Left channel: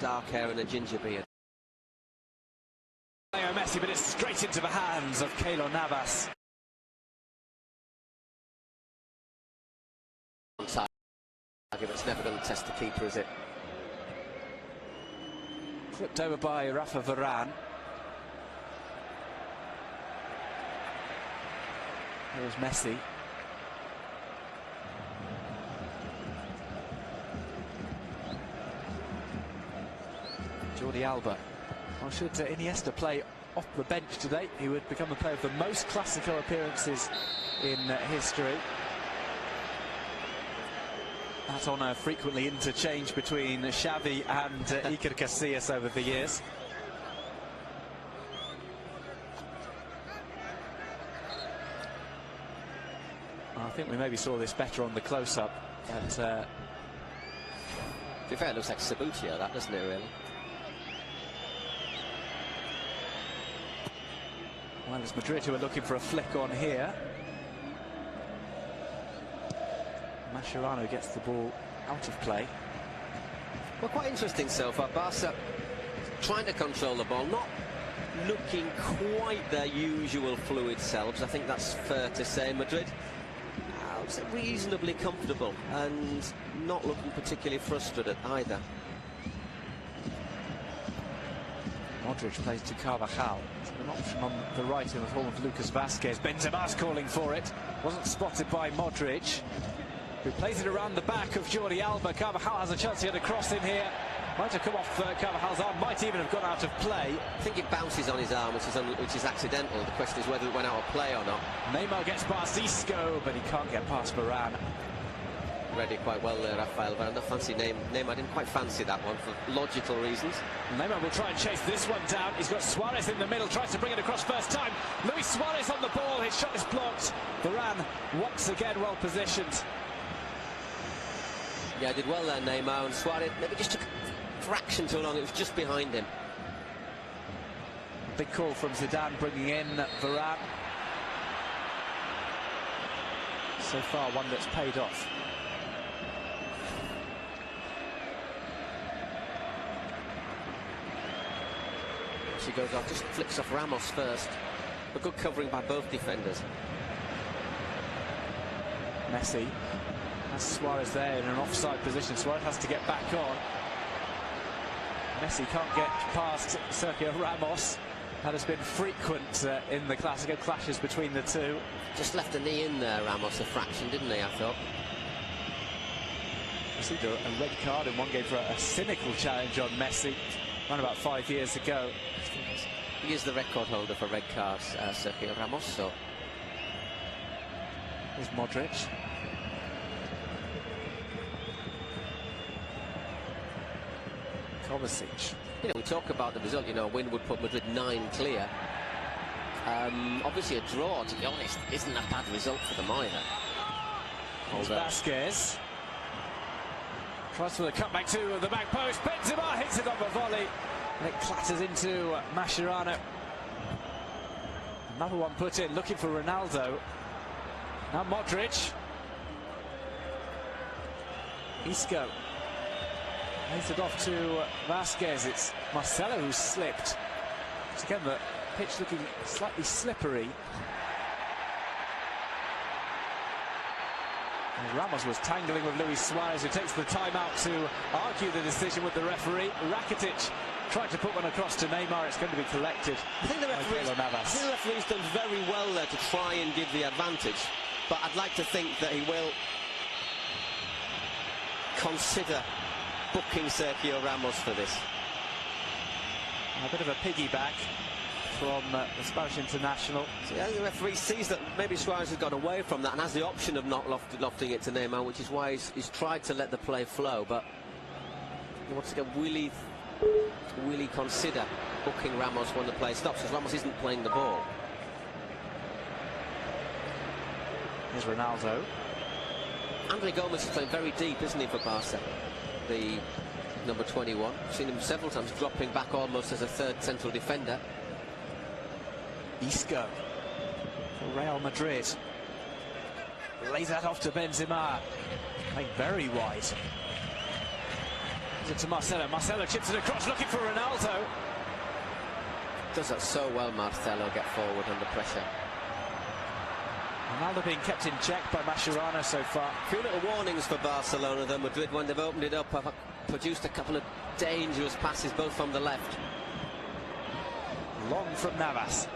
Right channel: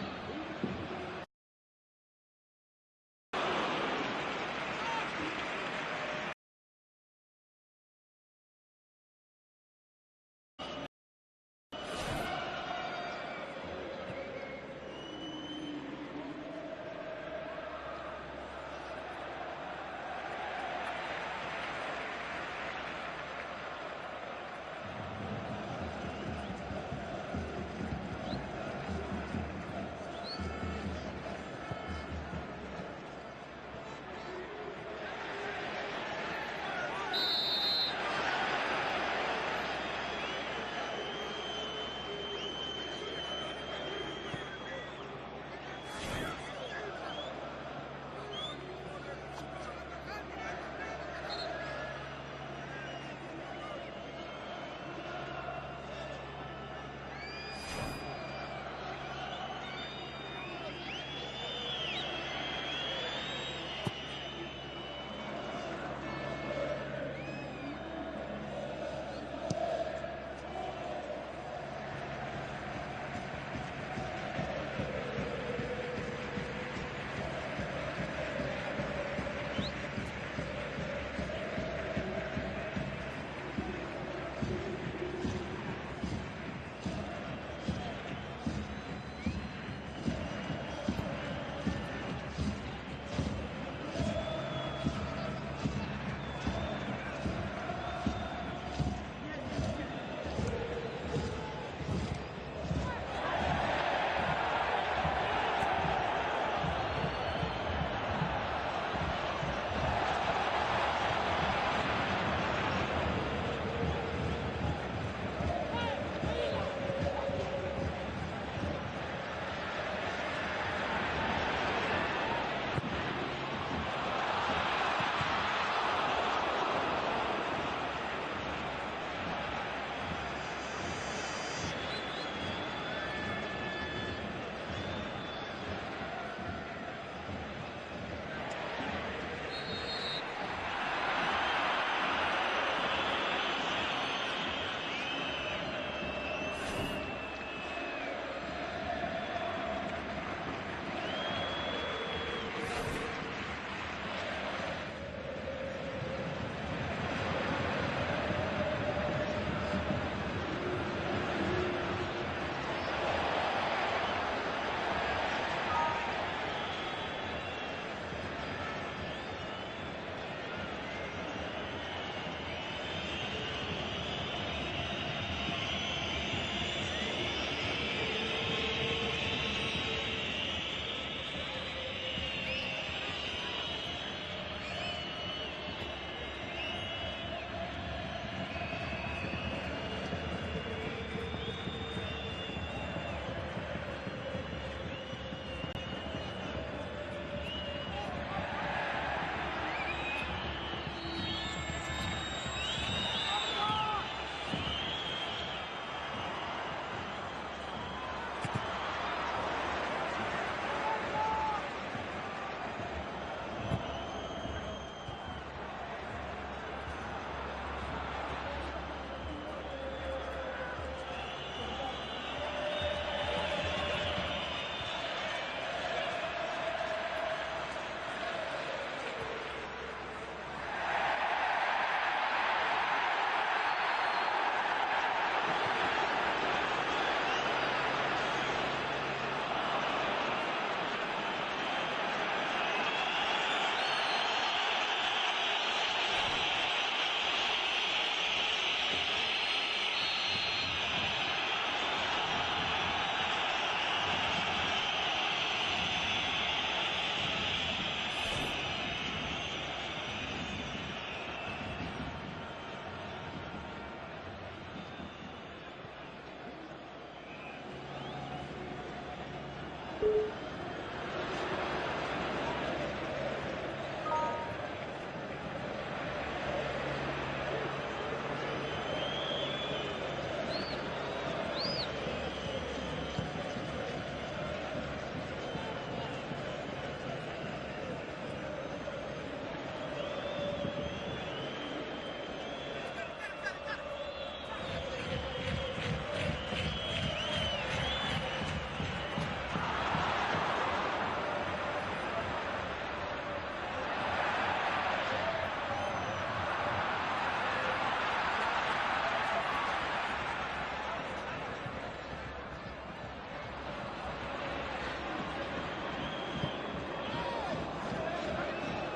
dark hair and a ginger beard. Messi, but it's straight into the hands of Keylor Navas. It's never going to test the keeper, is it? Flipped over by Rafa Varane. There's Messi. Jordi Alba. Well, should Iniesta play off the bench today, he would become the player of the most Classico appearances in history. That honour frequently interchanged between Xavi and Iker Casillas over the years. I think we maybe saw this better on the close-up. To be fair, it looks like Sabutio, that doesn't it, really? Well, it's Madrid who are looking for a flick on here. Mascherano gets the ball out of play. Well, quite interesting so far. Barca trying to control the ball, not looking quite their usual fluid selves. I think that's fair to say. Madrid, I would say reasonably comfortable and not looking particularly frustrated either. Modric plays to Carvajal. An option on the right in the form of Lucas Vazquez. Benzema's calling for it. Wasn't spotted by Modric, who plays it around the back of Jordi Alba. Carvajal has a chance to get a cross in here. Might have come off Carvajal's arm, might even have gone out of play. I think it bounces on his arm, which is accidental. The question is whether he went out of play or not. Neymar gets past Isco, but he can't get past Varane. Read it quite well there, Rafael, but I don't fancy Neymar. I didn't quite fancy that one for logical reasons. Neymar will try and chase this one down. He's got Suarez in the middle, tries to bring it across first time. Luis Suarez on the ball, and his shot is blocked. Varane once again well positioned. Yeah, did well there, Neymar, and Suarez maybe just took a fraction too long. It was just behind him. Big call from Zidane, bringing in Varane. So far, one that's paid off. She goes off, just flicks off Ramos first. A good covering by both defenders. Messi. That's Suarez there in an offside position. Suarez has to get back on. Messi can't get past Sergio Ramos. That has been frequent in the Classico clashes between the two. Just left a knee in there, Ramos, a fraction, didn't he, I thought? Received a red card in one game for a cynical challenge on Messi around about 5 years ago. He is the record holder for red cards, Sergio Ramos, so... Here's Modric. Kovacic. You know, we talk about the result, you know, a win would put Madrid 9 clear. Obviously a draw, to be honest, isn't a bad result for them either. Here's Vazquez. Tries for the cutback to the back post. Benzema hits it on the volley. And it clatters into Mascherano. Another one put in, looking for Ronaldo. Now Modric. Isco. Plays it off to Vazquez. It's Marcelo who's slipped. Once again, the pitch looking slightly slippery. Ramos was tangling with Luis Suarez, who takes the time out to argue the decision with the referee. Rakitic tried to put one across to Neymar. It's going to be collected. I think the referee's done very well there to try and give the advantage, but I'd like to think that he will consider booking Sergio Ramos for this. A bit of a piggyback from the Spanish international. Yeah, the referee sees that maybe Suarez has got away from that and has the option of not lofting it to Neymar, which is why he's tried to let the play flow, but he wants to go, will he consider booking Ramos when the play stops, because Ramos isn't playing the ball. Here's Ronaldo. Andre Gomes is playing very deep, isn't he, for Barca? The number 21. I've seen him several times dropping back almost as a third central defender. Isco for Real Madrid. Lays that off to Benzema. Playing very wide. Finds it to Marcelo. Marcelo chips it across, looking for Ronaldo. Does that so well, Marcelo, get forward under pressure. Ronaldo being kept in check by Mascherano so far. A few little warnings for Barcelona then. Madrid, when they've opened it up, have produced a couple of dangerous passes, both from the left. Long from Navas.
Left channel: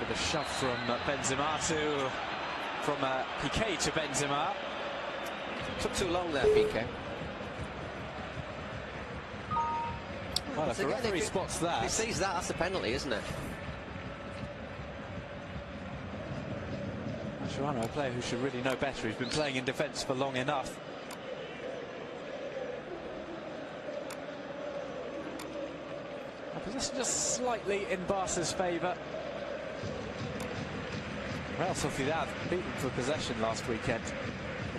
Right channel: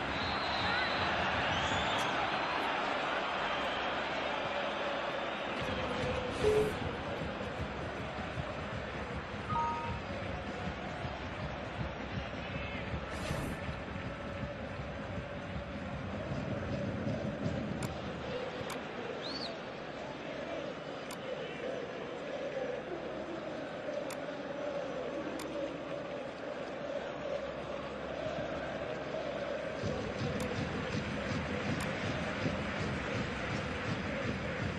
With a shot from Benzema from Piqué to Benzema. Took too long there, Piqué. Well, if the referee spots that... He sees that, that's a penalty, isn't it? Mascherano, a player who should really know better. He's been playing in defence for long enough. Possession just slightly in Barca's favour. Real Sociedad beat them for possession last weekend.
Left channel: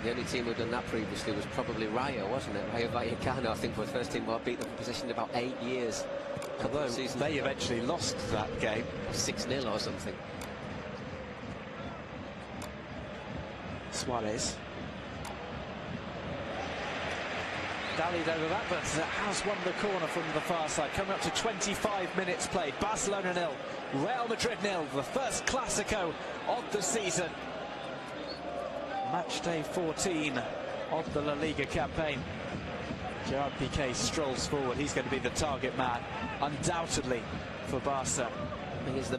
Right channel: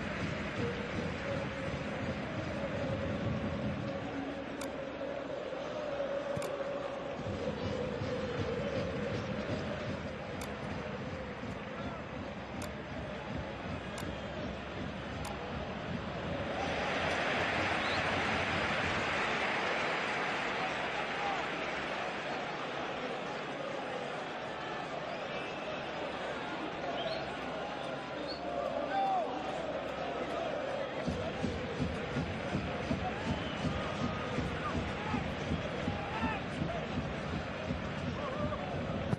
The only team who had done that previously was probably Rayo, wasn't it? Rayo Vallecano, I think, was the first team who had beat them for possession in about 8 years. Although they eventually lost that game. 6-0 or something. Suarez. Dallied over that, but has won the corner from the far side. Coming up to 25 minutes played. Barcelona 0, Real Madrid 0. The first Classico of the season. Match day 14 of the La Liga campaign. Gerard Piqué strolls forward. He's going to be the target man, undoubtedly, for Barca. He is the